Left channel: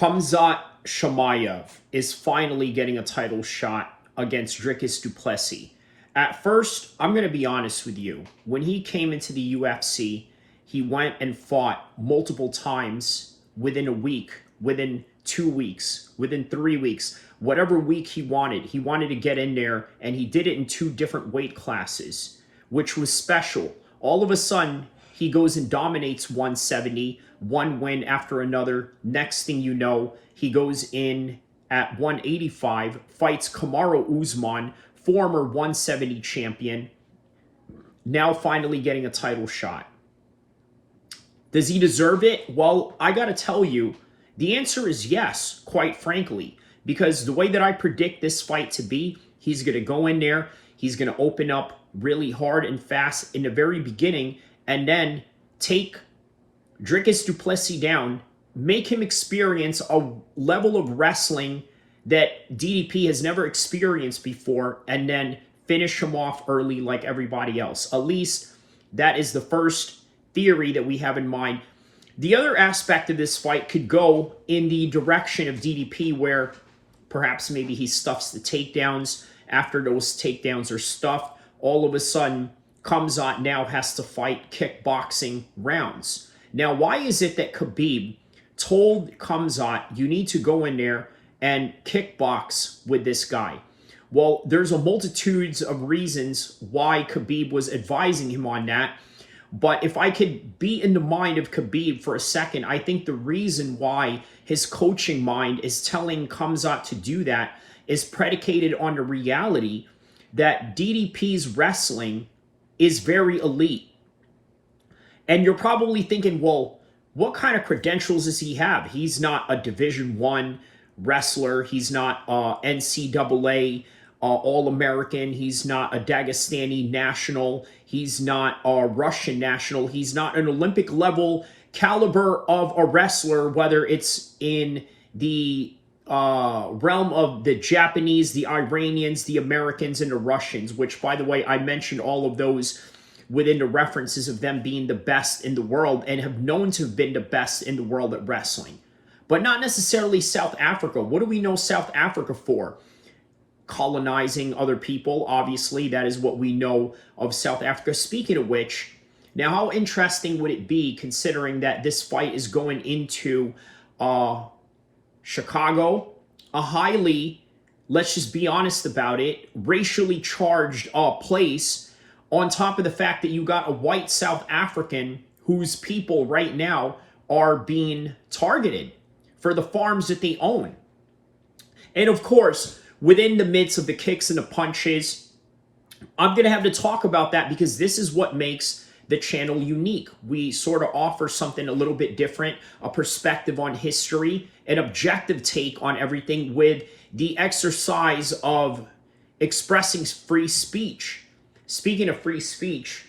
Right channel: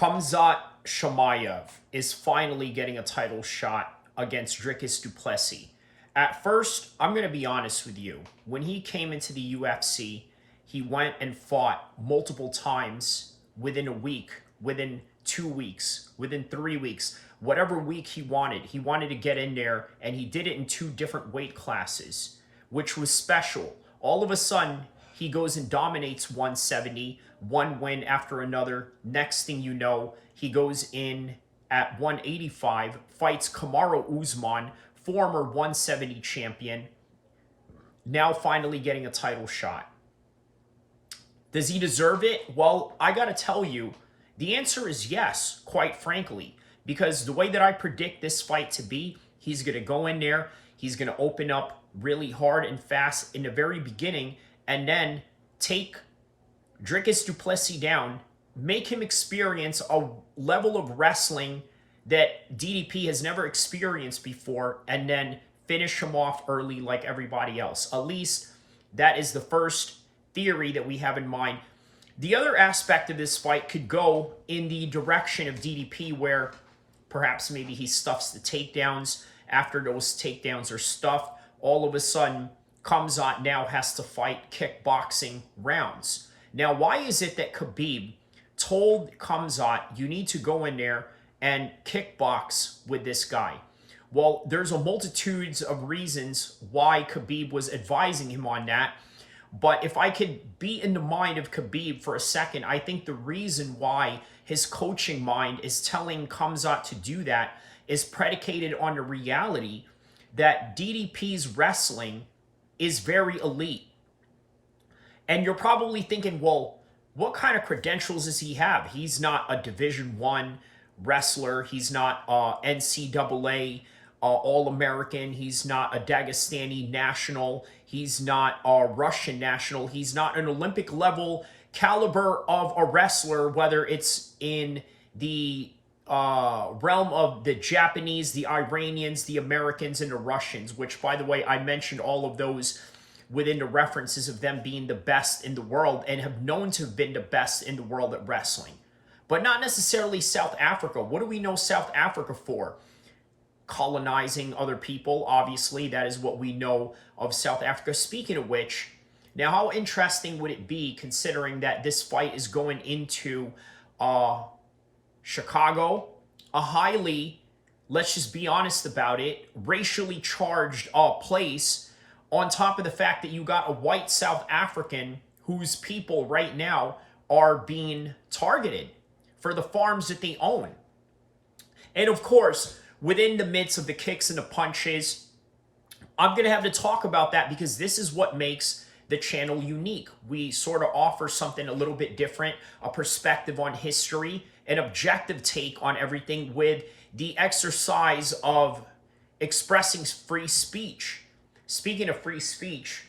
Khamzat is finally getting a title shot against Dricuss du Plessis. At first, I'm going to be honest with you. When he came into the UFC, he went and fought multiple times within a week, within 2 weeks, within 3 weeks, whatever week he wanted. He wanted to get in there, and he did it in 2 different weight classes, which was special. All of a sudden, he goes and dominates 170, one win after another. Next thing you know, he goes in at 185, fights Kamaru Usman, former 170 champion, now finally getting a title shot. Does he deserve it? Well, I got to tell you, the answer is yes, quite frankly, because the way that I predict this fight to be, he's going to go in there, he's going to open up really hard and fast in the very beginning, and then take Dricuss du Plessis down, make him experience a level of wrestling that DDP has never experienced before, and then finish him off early like everybody else. At least that is the first theory that we have in mind. The other aspect of this fight could go in the direction of DDP, where perhaps maybe he stuffs the takedowns. After those takedowns are stuffed, all of a sudden, Khamzat now has to fight kickboxing rounds. Now, why is it that Khabib told Khamzat, you need to go in there and kickbox with this guy? Well, there's a multitude of reasons why Khabib was advising him on that. But if I could be in the mind of Khabib for a second, I think the reason why his coaching mind is telling Khamzat to do that is predicated on the reality that DDP's wrestling is very elite. And you're probably thinking, well, what kind of credentials does he have? He's not a Division I wrestler. He's not NCAA All-American. He's not a Dagestani national. He's not a Russian national. He's not an Olympic level caliber of a wrestler, whether it's in the realm of the Japanese, the Iranians, the Americans, and the Russians, which, by the way, I mentioned all of those within the references of them being the best in the world and have known to have been the best in the world at wrestling. But not necessarily South Africa. What do we know South Africa for? Colonizing other people, obviously. That is what we know of South Africa. Speaking of which, now how interesting would it be, considering that this fight is going into Chicago, a highly, let's just be honest about it, racially charged place, on top of the fact that you got a white South African whose people right now are being targeted for the farms that they own. And of course, within the midst of the kicks and the punches, I'm going to have to talk about that because this is what makes the channel unique. We sort of offer something a little bit different, a perspective on history, an objective take on everything with the exercise of expressing free speech. Speaking of free speech,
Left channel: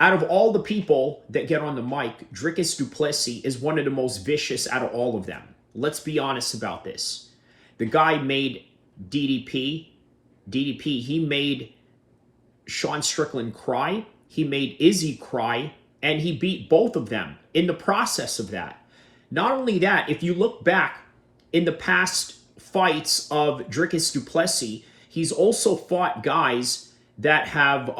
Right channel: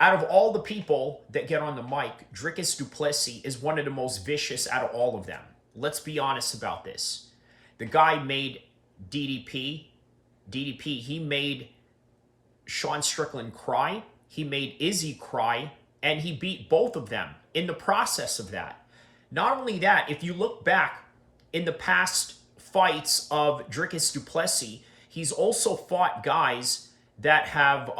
out of all the people that get on the mic, Dricuss du Plessis is one of the most vicious out of all of them. Let's be honest about this. The guy made DDP, he made Sean Strickland cry, he made Izzy cry, and he beat both of them in the process of that. Not only that, if you look back in the past fights of Dricuss du Plessis, he's also fought guys that have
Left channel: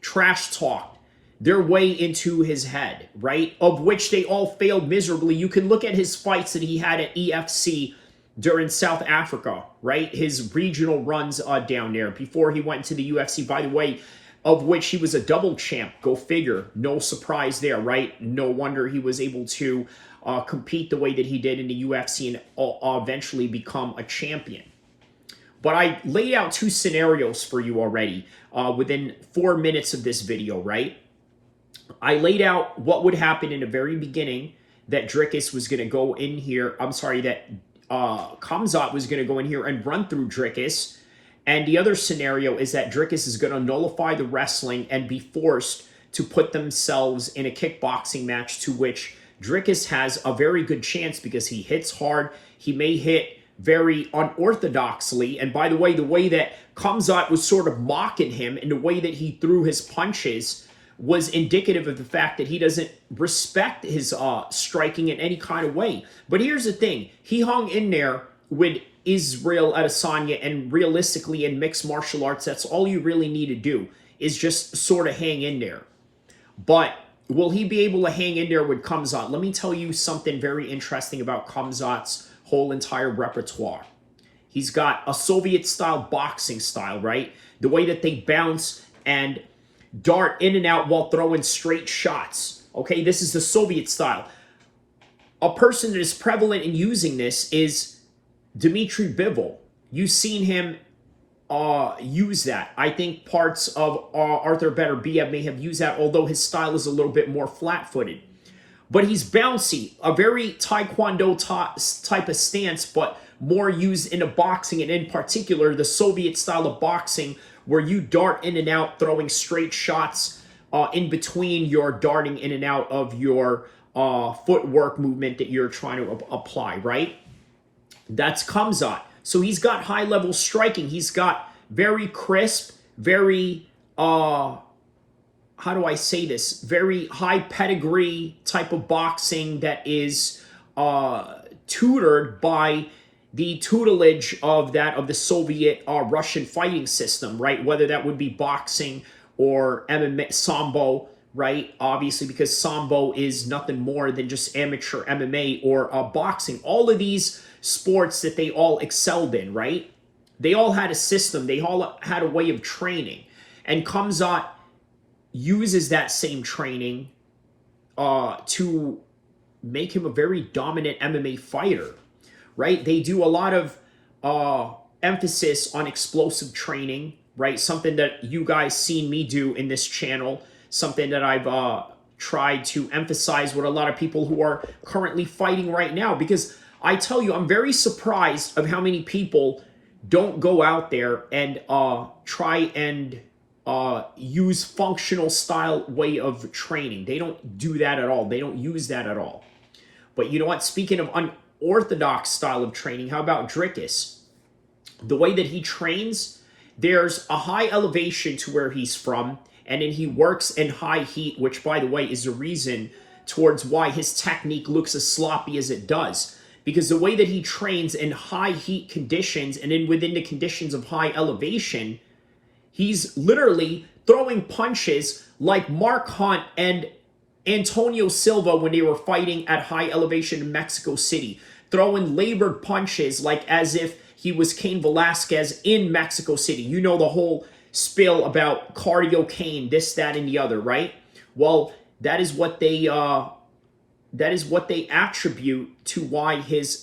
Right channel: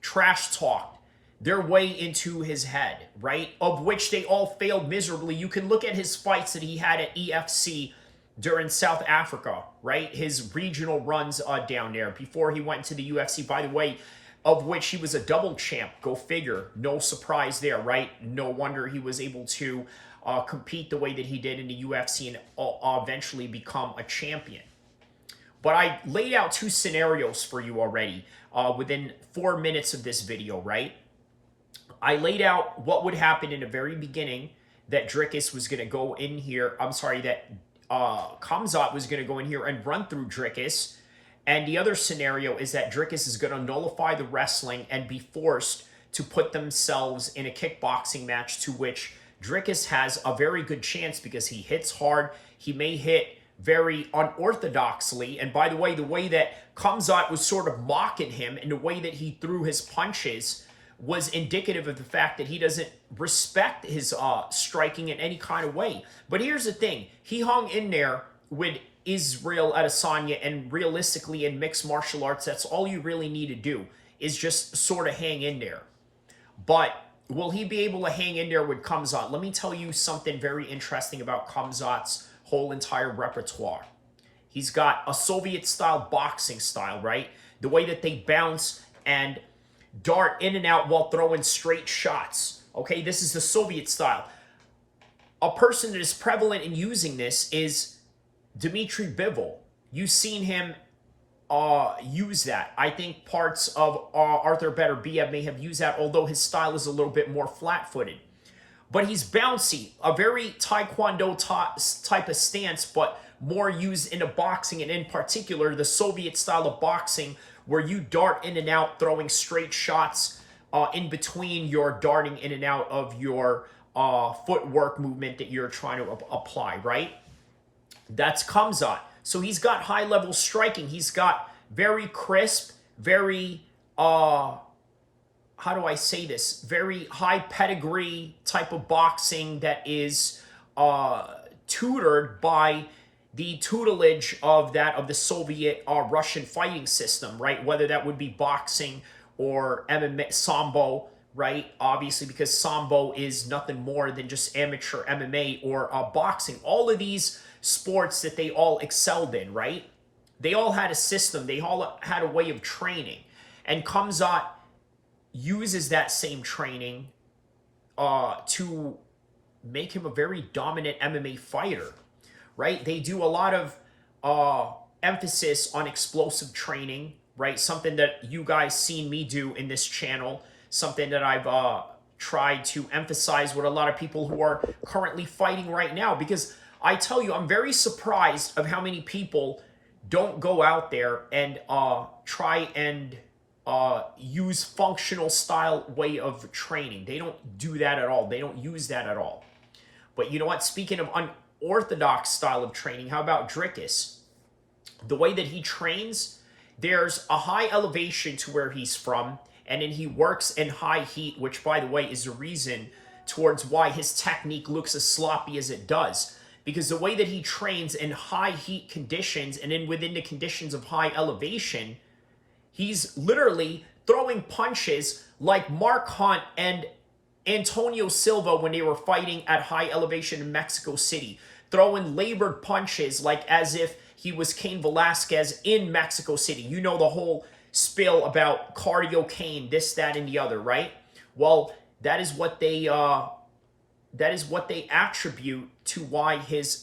trash-talked their way into his head, right? Of which they all failed miserably. You can look at his fights that he had at EFC during South Africa, right? His regional runs down there before he went to the UFC, by the way, of which he was a double champ. Go figure. No surprise there, right? No wonder he was able to compete the way that he did in the UFC and eventually become a champion. But I laid out 2 scenarios for you already within 4 minutes of this video, right? I laid out what would happen in the very beginning, that Dricuss was going to go in here. I'm sorry, that Khamzat was going to go in here and run through Dricuss. And the other scenario is that Dricuss is going to nullify the wrestling and be forced to put themselves in a kickboxing match, to which Dricuss has a very good chance because he hits hard. He may hit very unorthodoxly. And by the way that Khamzat was sort of mocking him in the way that he threw his punches was indicative of the fact that he doesn't respect his striking in any kind of way. But here's the thing. He hung in there with Israel Adesanya, and realistically in mixed martial arts, that's all you really need to do is just sort of hang in there. But will he be able to hang in there with Khamzat? Let me tell you something very interesting about Khamzat's whole entire repertoire. He's got a Soviet-style boxing style, right? The way that they bounce and dart in and out while throwing straight shots. Okay, this is the Soviet style. A person that is prevalent in using this is Dmitry Bivol. You've seen him use that. I think parts of Arthur Beterbiev may have used that, although his style is a little bit more flat-footed. But he's bouncy, a very Taekwondo type of stance, but more used into boxing, and in particular, the Soviet style of boxing, where you dart in and out, throwing straight shots in between your darting in and out of your footwork movement that you're trying to apply, right? That's Khamzat. So he's got high-level striking. He's got very crisp, very, how do I say this? Very high pedigree type of boxing that is tutored by the tutelage of the Soviet Russian fighting system, right? Whether that would be boxing or MMA, Sambo, right? Obviously, because Sambo is nothing more than just amateur MMA or boxing. All of these sports that they all excelled in, right? They all had a system. They all had a way of training. And Khamzat uses that same training to make him a very dominant MMA fighter, right? They do a lot of emphasis on explosive training, right? Something that you guys seen me do in this channel, something that I've tried to emphasize with a lot of people who are currently fighting right now, because I tell you, I'm very surprised of how many people don't go out there and try and use functional style way of training. They don't do that at all. They don't use that at all. But you know what? Speaking of unorthodox style of training, how about Dricuss? The way that he trains, there's a high elevation to where he's from, and then he works in high heat, which, by the way, is the reason towards why his technique looks as sloppy as it does. Because the way that he trains in high heat conditions and then within the conditions of high elevation, he's literally throwing punches like Mark Hunt and Antonio Silva when they were fighting at high elevation in Mexico City. Throwing labored punches like as if he was Cain Velasquez in Mexico City. You know the whole spill about cardio Cain, this, that, and the other, right? Well, that is what they attribute to why his